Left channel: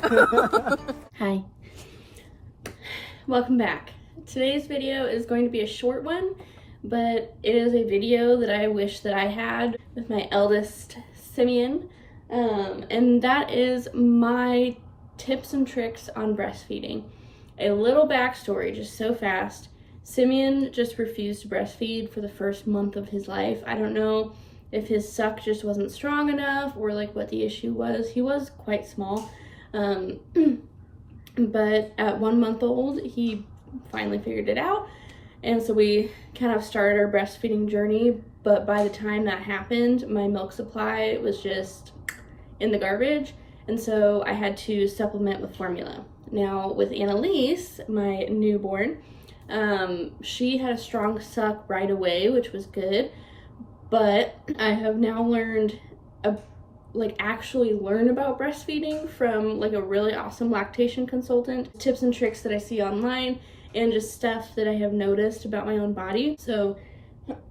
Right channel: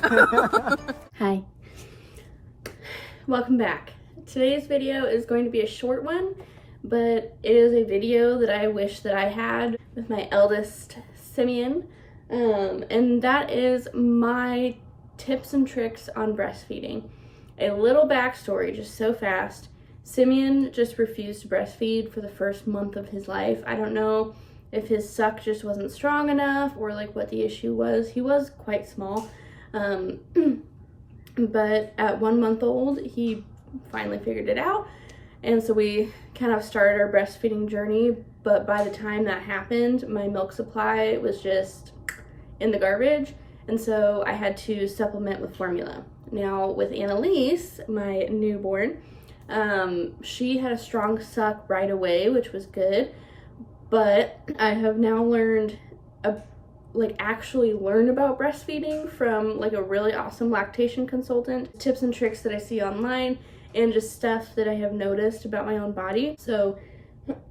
Hi. Welcome back. Today's video is going to be a short one, but it is a video that I wish that I had with my eldest, Simeon, and that is my tips and tricks on breastfeeding. A little backstory, just so fast. Simeon just refused to breastfeed for the first month of his life. I don't know if his suck just wasn't strong enough or like what the issue was. He was quite small. But at 1 month old, he finally figured it out. And so we kind of started our breastfeeding journey. But by the time that happened, my milk supply was just in the garbage. And so I had to supplement with formula. Now with Annalise, my newborn, she had a strong suck right away, which was good. But I have now learned actually learn about breastfeeding from like a really awesome lactation consultant, tips and tricks that I see online, and just stuff that I have noticed about my own body. So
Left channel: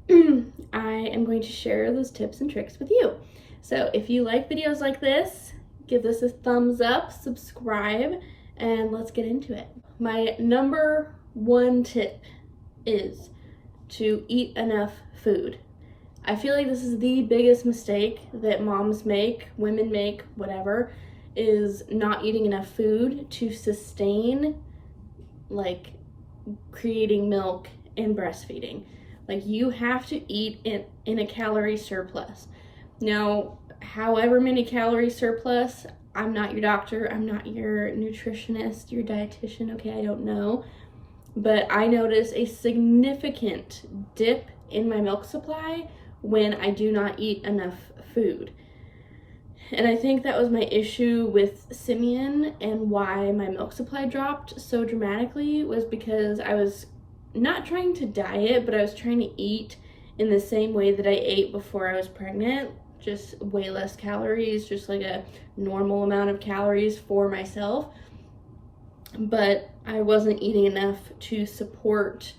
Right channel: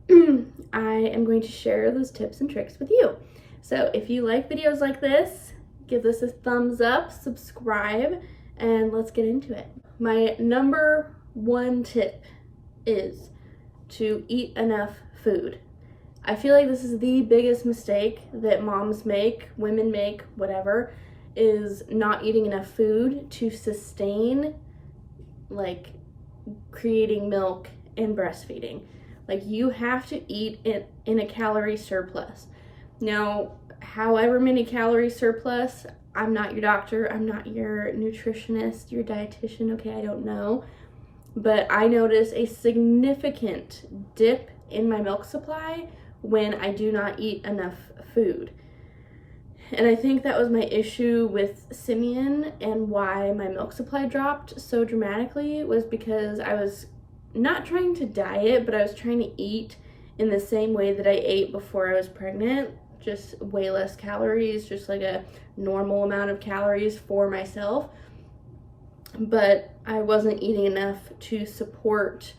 I am going to share those tips and tricks with you. So if you like videos like this, give this a thumbs up, subscribe, and let's get into it. My number one tip is to eat enough food. I feel like this is the biggest mistake that moms make, women make, whatever, is not eating enough food to sustain like creating milk and breastfeeding. Like you have to eat in a calorie surplus. Now, however many calorie surplus, I'm not your doctor, I'm not your nutritionist, your dietitian, okay, I don't know. But I notice a significant dip in my milk supply when I do not eat enough food. And I think that was my issue with Simeon, and why my milk supply dropped so dramatically was because I was not trying to diet, but I was trying to eat in the same way that I ate before I was pregnant, just way less calories, just like a normal amount of calories for myself. But I wasn't eating enough to support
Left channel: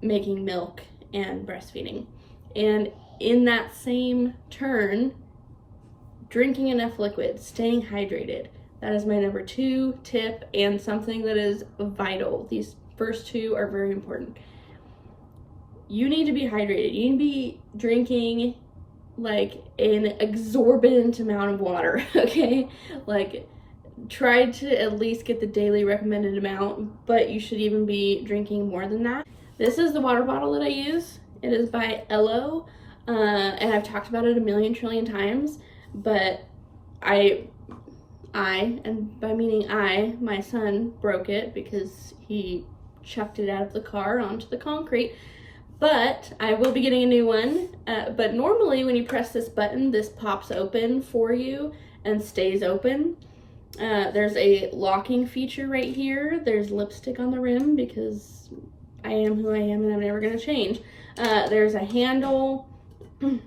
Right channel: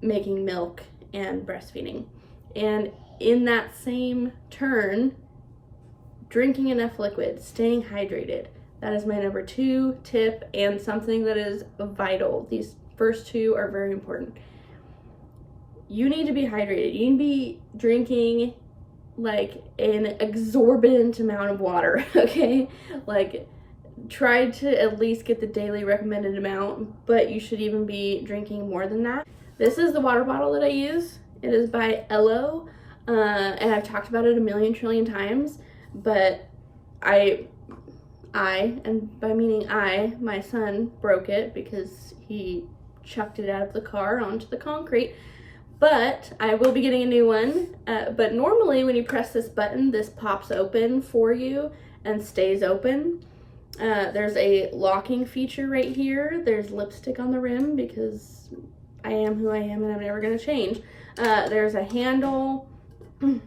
making milk and breastfeeding. And in that same turn, drinking enough liquid, staying hydrated. That is my number 2 tip, and something that is vital. These first 2 are very important. You need to be hydrated. You need to be drinking like an exorbitant amount of water, okay? Like try to at least get the daily recommended amount, but you should even be drinking more than that. This is the water bottle that I use. It is by Evohom, and I've talked about it a million trillion times, but and by meaning my son broke it because he chucked it out of the car onto the concrete, but I will be getting a new one. But normally when you press this button, this pops open for you and stays open. There's a locking feature right here. There's lipstick on the rim because I am who I am and I'm never going to change. There's a handle, and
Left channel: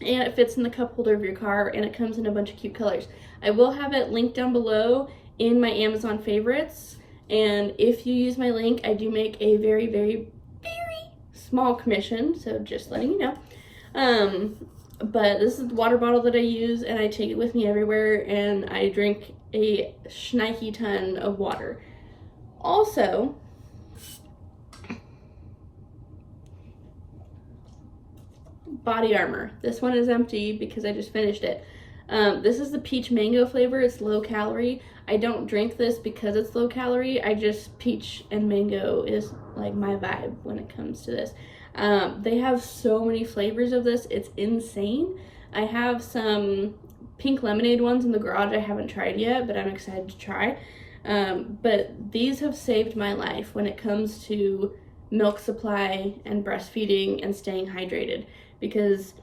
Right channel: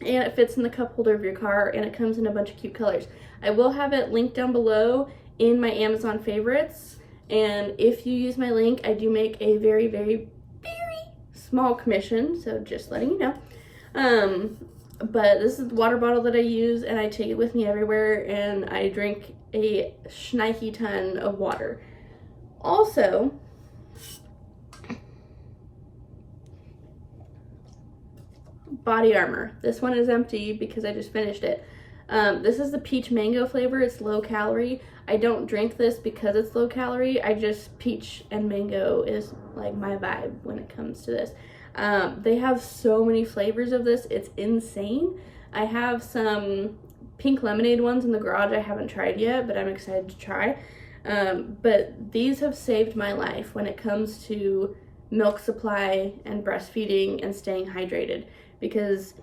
it fits in the cup holder of your car, and it comes in a bunch of cute colors. I will have it linked down below in my Amazon favorites, and if you use my link, I do make a very, very, very small commission, so just letting you know. But this is the water bottle that I use, and I take it with me everywhere, and I drink a shnikey ton of water. Also, body armor. This one is empty because I just finished it. This is the peach mango flavor. It's low calorie. I don't drink this because it's low calorie. I just, peach and mango is like my vibe when it comes to this. They have so many flavors of this. It's insane. I have some pink lemonade ones in the garage I haven't tried yet, but I'm excited to try. But these have saved my life when it comes to milk supply and breastfeeding and staying hydrated, because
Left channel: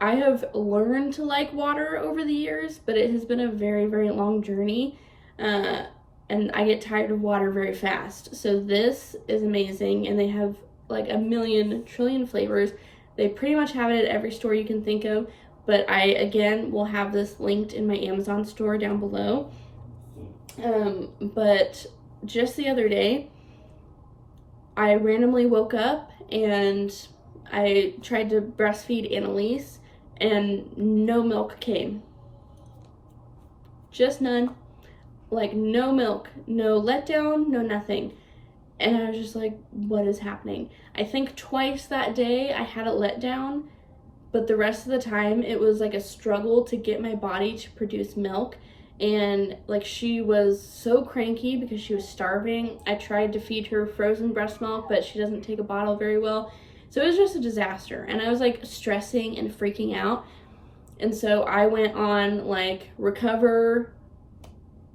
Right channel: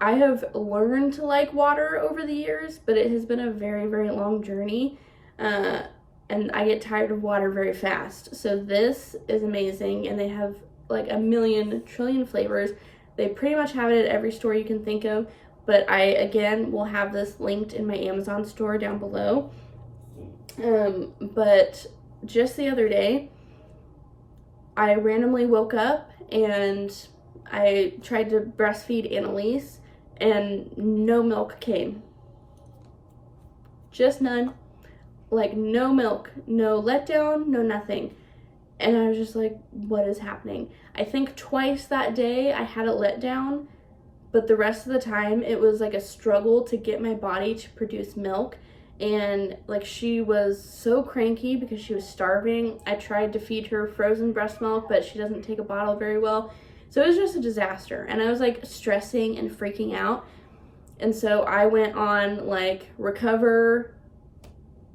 I have learned to like water over the years, but it has been a very, very long journey, and I get tired of water very fast. So this is amazing, and they have like a million trillion flavors. They pretty much have it at every store you can think of, but I, again, will have this linked in my Amazon store down below. But just the other day, I randomly woke up and I tried to breastfeed Annalise, and no milk came. Just none. like no milk, no letdown, no nothing. And I was just like, what is happening? I think twice that day I had a letdown, but the rest of the time it was like a struggle to get my body to produce milk. And like she was so cranky because she was starving. I tried to feed her frozen breast milk, but she doesn't take a bottle very well. So it was just a disaster. And I was like stressing and freaking out. And so I went on like recover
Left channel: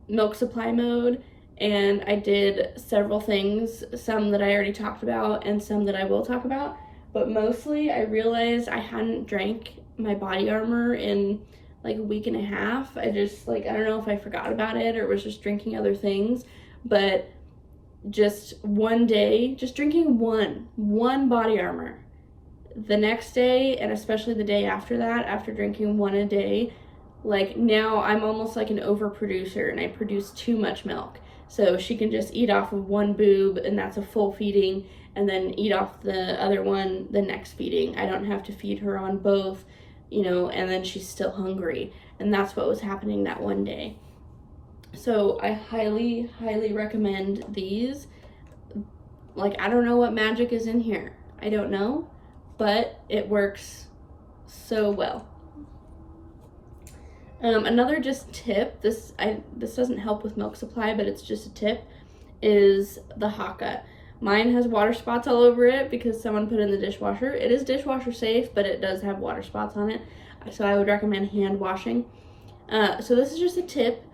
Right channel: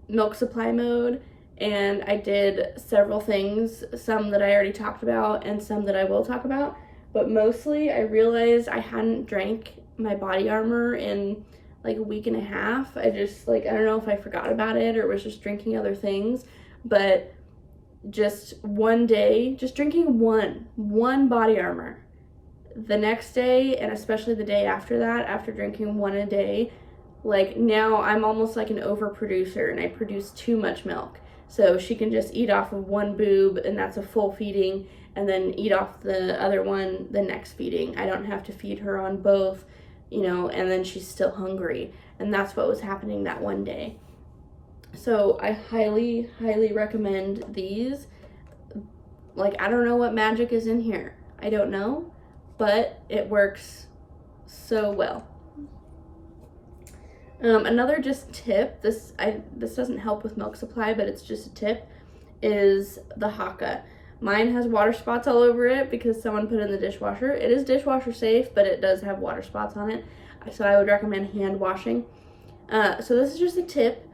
milk supply mode, and I did several things, some that I already talked about and some that I will talk about. But mostly I realized I hadn't drank my body armor in like a week and a half. I just like, I don't know if I forgot about it or was just drinking other things, but just one day, just drinking one body armor. The next day, and especially the day after that, after drinking one a day, like now I'm almost like an overproducer and I produce too much milk. So she can just eat off of one boob and that's a full feeding, and then eat off the other one the next feeding. I don't have to feed her on both, you know, and then she's still hungry. And that's what was happening that one day. So I highly, highly recommend these. Like, I don't know what magic is in here. I don't know, but it works so well. Another just tip, this doesn't help with milk supply, but it's just a tip, is the Haka. Mine has water spots all over it because someone put it in the dishwasher. It is dishwasher safe, but it does have water spots on it. So I would recommend hand washing. So this is just a tip,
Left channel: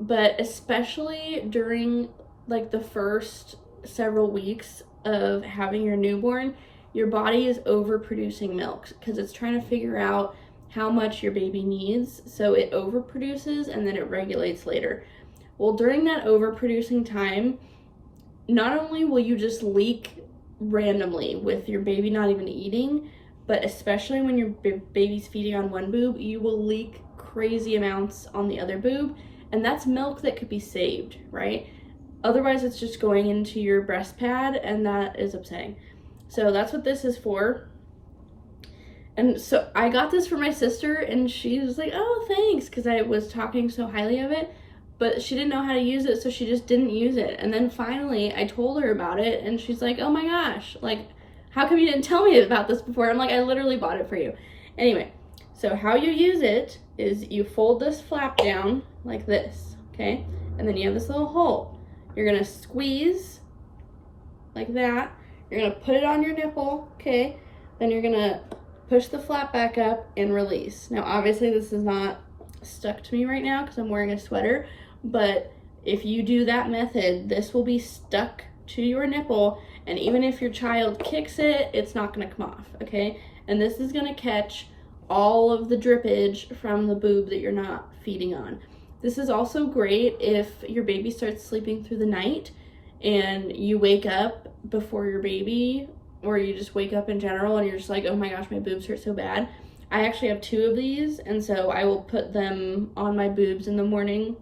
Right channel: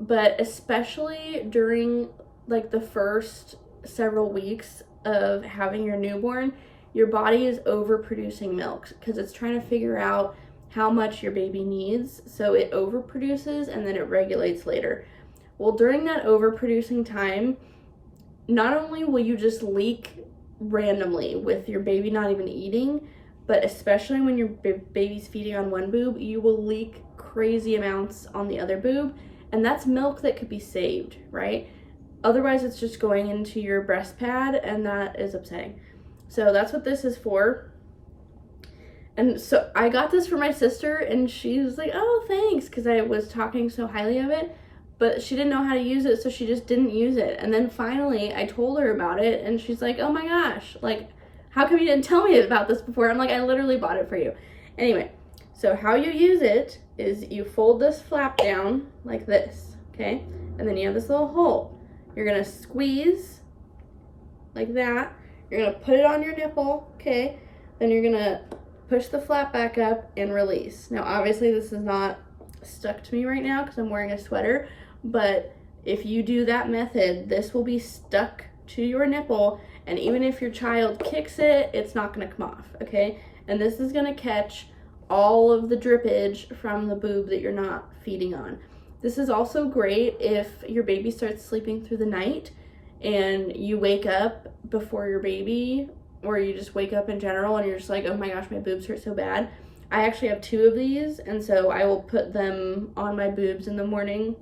but especially during like the first several weeks of having your newborn, your body is overproducing milk because it's trying to figure out how much your baby needs. So it overproduces and then it regulates later. Well, during that overproducing time, not only will you just leak randomly with your baby not even eating, but especially when your baby's feeding on one boob, you will leak crazy amounts on the other boob. And that's milk that could be saved, right? Otherwise, it's just going into your breast pad, and that is upsetting. So that's what this is for. And so I got this for my sister, and she was like, oh, thanks, because I was talking so highly of it. But she didn't know how to use it, so she just didn't use it. And then finally, I told her about it, and she's like, oh my gosh, like, how come you didn't tell me about this before? I'm like, I literally bought it for you. Anyway, so how you use it is you fold this flap down like this, okay? And then you have this little hole. You're gonna squeeze like that. You're gonna put it on your nipple, okay? Then you're gonna push the flap back up and release. Now, obviously, this is not stuck to me right now because I'm wearing a sweater, but if you do that method, this will be stuck to your nipple, and even if your child kicks it, it's not gonna come off, okay? And this is gonna catch all of the drippage from the boob that you're not feeding on. This is also great if your baby starts sleeping through the night and you wake up before your baby, or you just wake up in general and you're just like, oh my gosh, my boobs hurt so bad. I actually have 2 of these, and so I will put them on my boobs in the morning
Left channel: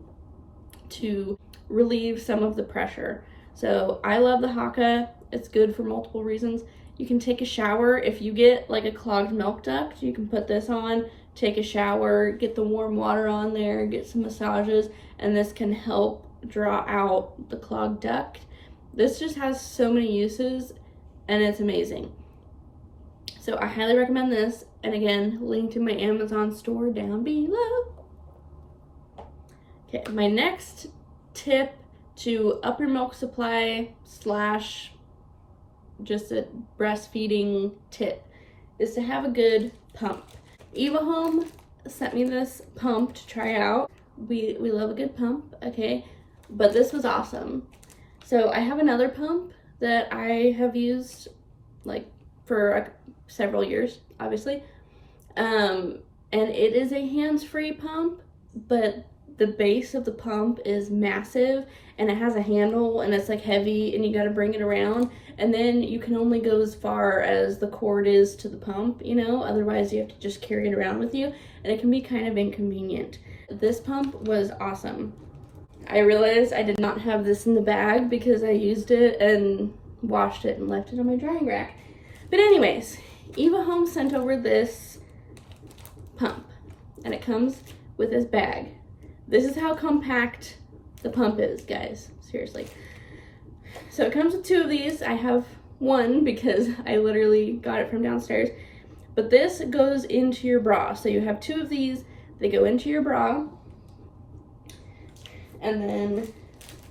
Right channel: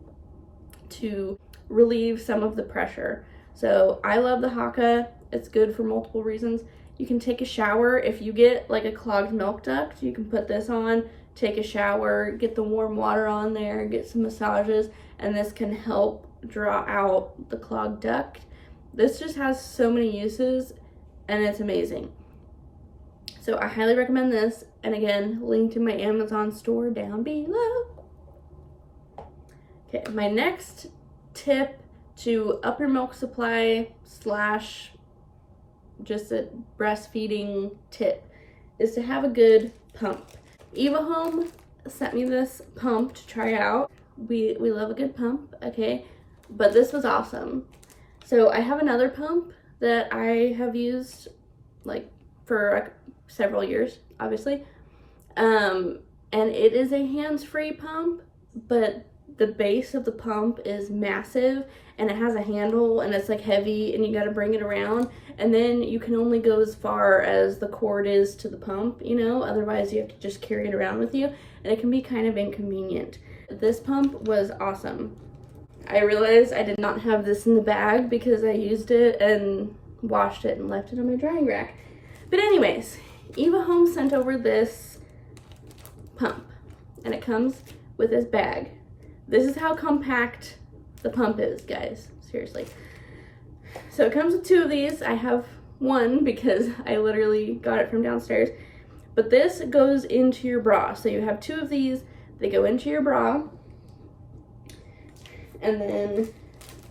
to relieve some of the pressure. So I love the Haka. It's good for multiple reasons. You can take a shower. If you get like a clogged milk duct, you can put this on, take a shower, get the warm water on there, get some massages, and this can help draw out the clogged duct. This just has so many uses, and it's amazing. So I highly recommend this. And again, link to my Amazon store down below. Okay, my next tip to up your milk supply / just a breastfeeding tip is to have a good pump. Evohom sent me this pump to try out. We love a good pump, okay? But this was awesome. So I have another pump that I have used like for several years, obviously. And it is a hands-free pump, but the base of the pump is massive, and it has a handle, and it's like heavy, and you got to bring it around, and then you can only go as far as the cord is to the pump, you know, otherwise you have to just carry it around with you, and it can be kind of inconvenient. This pump was awesome. I realized I did not have this in the bag because I used it and washed it and left it on my drying rack. But anyways, Evohom sent over this pump, and it comes with this bag. This is how compact the pump is, guys. Seriously. So it comes with 2 of these. I have one because I literally got it from downstairs. But this goes into your bra. So you have 2 of these. They go into your bra. And then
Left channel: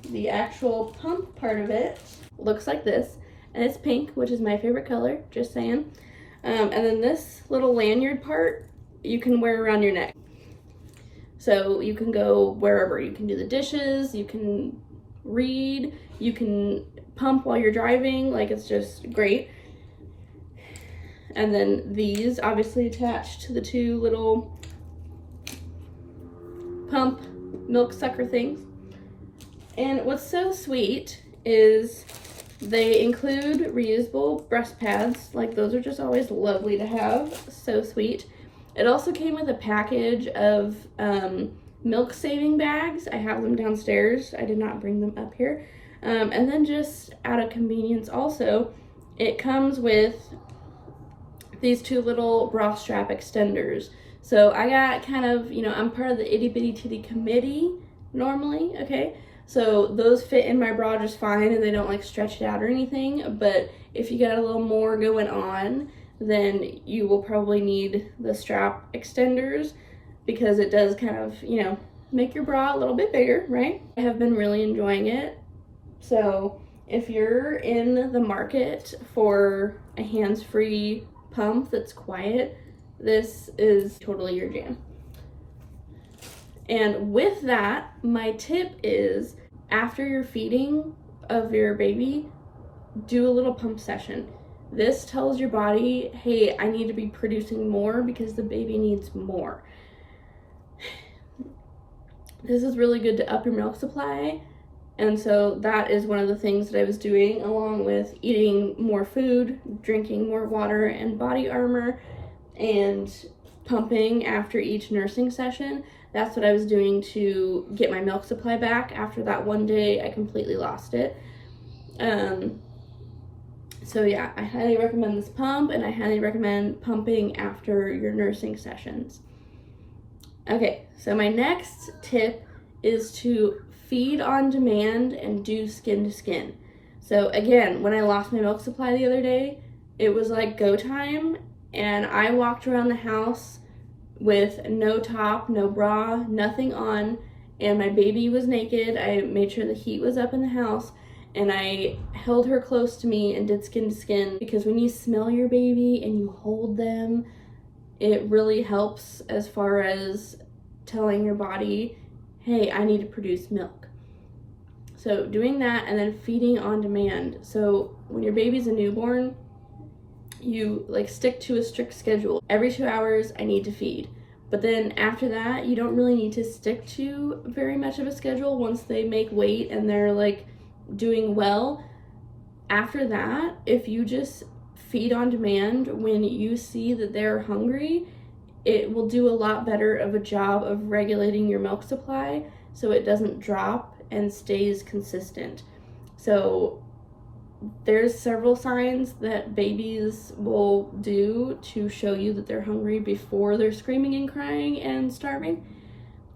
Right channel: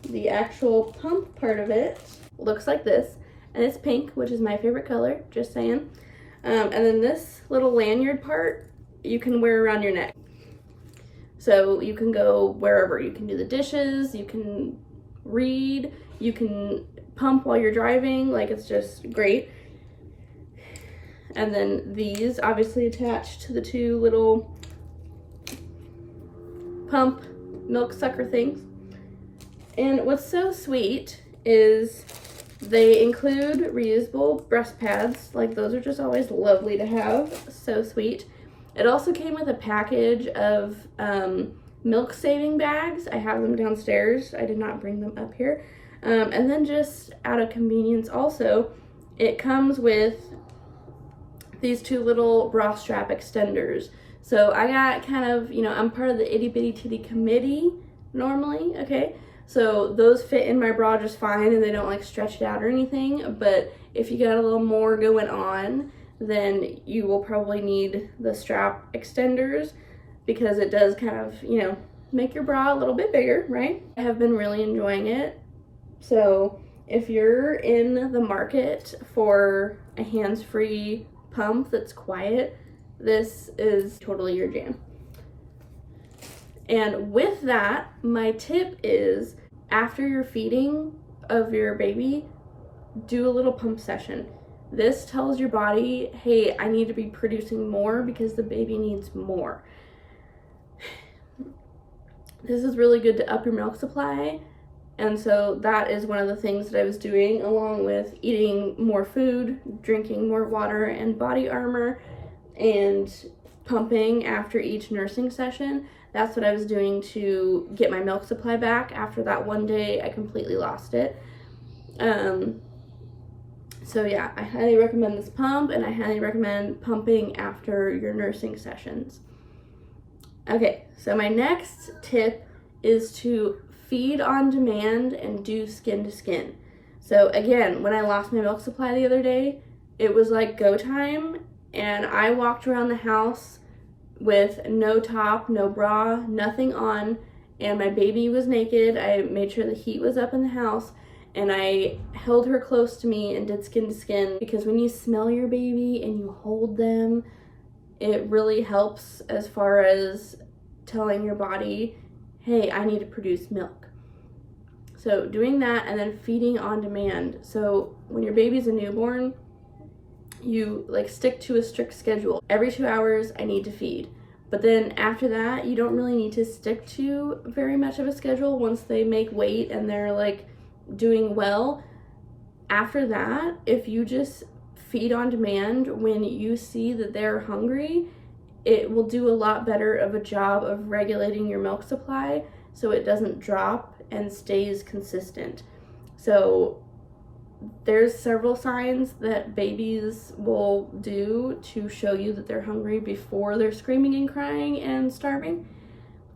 the actual pump part of it looks like this. And it's pink, which is my favorite color, just saying. And then this little lanyard part, you can wear around your neck. So you can go wherever. You can do the dishes, you can read, you can pump while you're driving. Like, it's just great. And then these obviously attach to the 2 little pump milk sucker things. And what's so sweet is they include reusable breast pads. Like, those are just always lovely to have. So sweet. It also came with a package of milk saving bags. I have them downstairs. I did not bring them up here. And then just out of convenience also, it comes with these 2 little bra strap extenders. So I got kind of, you know, I'm part of the itty bitty titty committee normally, okay? So those fit in my bra just fine and they don't like stretch it out or anything. But if you got a little more going on, then you will probably need the strap extenders because it does kind of, you know, make your bra a little bit bigger, right? I have been really enjoying it. So if you're in the market for a hands-free pump that's quiet, this is totally your jam. And with that, my tip is after your feeding of your baby, do a little pump session. This tells your body, hey, I need to be producing more because the baby needs more. This is really good to up your milk supply. And so that is one of the things that I was doing, along with eating more food, drinking more water and body armor, and pumping after each nursing session. That's what I was doing to get my milk supply back after that one day I completely lost it. So yeah, I highly recommend this pump, and I highly recommend pumping after your nursing sessions. Okay, so my next tip is to feed on demand and do skin to skin. So again, when I lost my milk supply the other day, it was like go time, and I walked around the house with no top, no bra, nothing on, and my baby was naked. I made sure the heat was up in the house, and I held her close to me and did skin to skin, because when you smell your baby and you hold them, it really helps as far as telling your body, hey, I need to produce milk. So doing that, and then feeding on demand. So when your baby's a newborn, you like stick to a strict schedule. Every 2 hours I need to feed. But then after that, you don't really need to stick to very much of a schedule once they make weight and they're like doing well. After that, if you just feed on demand when you see that they're hungry, it will do a lot better of a job of regulating your milk supply so it doesn't drop and stays consistent. So there's several signs that babies will do to show you that they're hungry before they're screaming and crying and starving.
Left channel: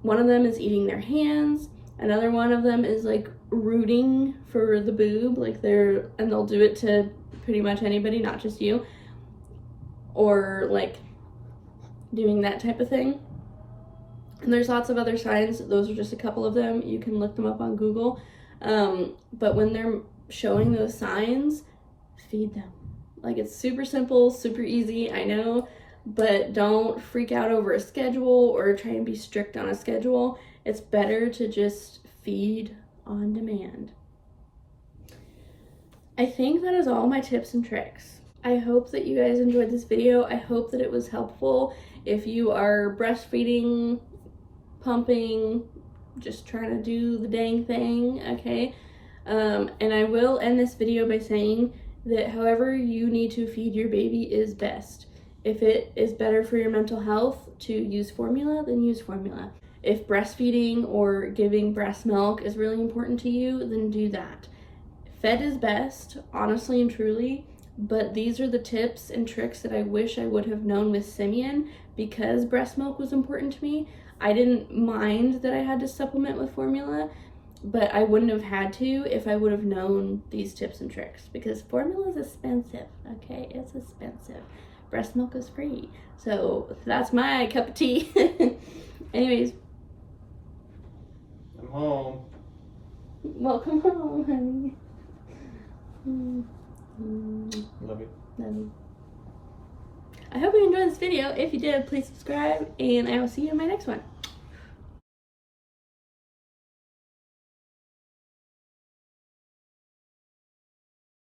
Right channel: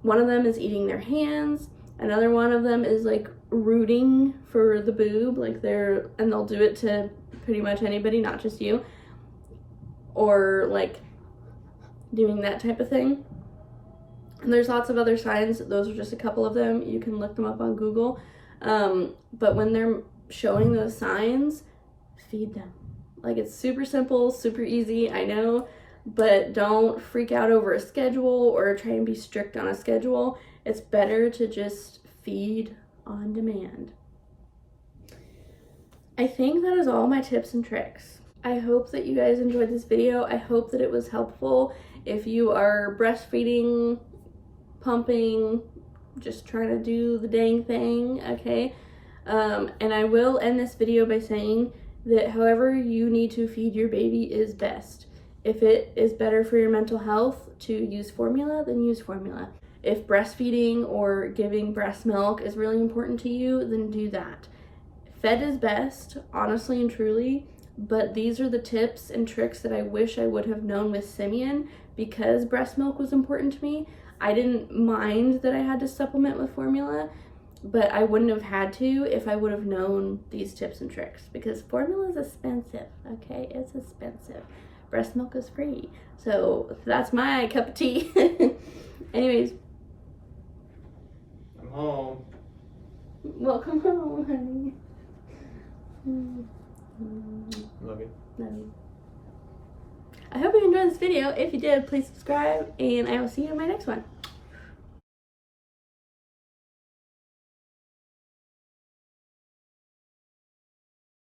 One of them is eating their hands. Another one of them is like rooting for the boob, like they'll do it to pretty much anybody, not just you, or like doing that type of thing. And there's lots of other signs. Those are just a couple of them. You can look them up on Google. But when they're showing those signs, feed them. Like, it's super simple, super easy, I know, but don't freak out over a schedule or try and be strict on a schedule. It's better to just feed on demand. I think that is all my tips and tricks. I hope that you guys enjoyed this video. I hope that it was helpful. If you are breastfeeding, pumping, just trying to do the dang thing, okay? And I will end this video by saying that however you need to feed your baby is best. If it is better for your mental health to use formula, then use formula. If breastfeeding or giving breast milk is really important to you, then do that. Fed is best, honestly and truly, but these are the tips and tricks that I wish I would have known with Simeon. Because breast milk was important to me, I didn't mind that I had to supplement with formula, but I wouldn't have had to if I would have known these tips and tricks, because formula is expensive, okay? It's expensive. Breast milk is free. So that's my cup of tea. Anyways. I'm home. Welcome home, honey. Love you. Love you. I hope you enjoyed this video. If you did, please subscribe, and I will see you in my next one.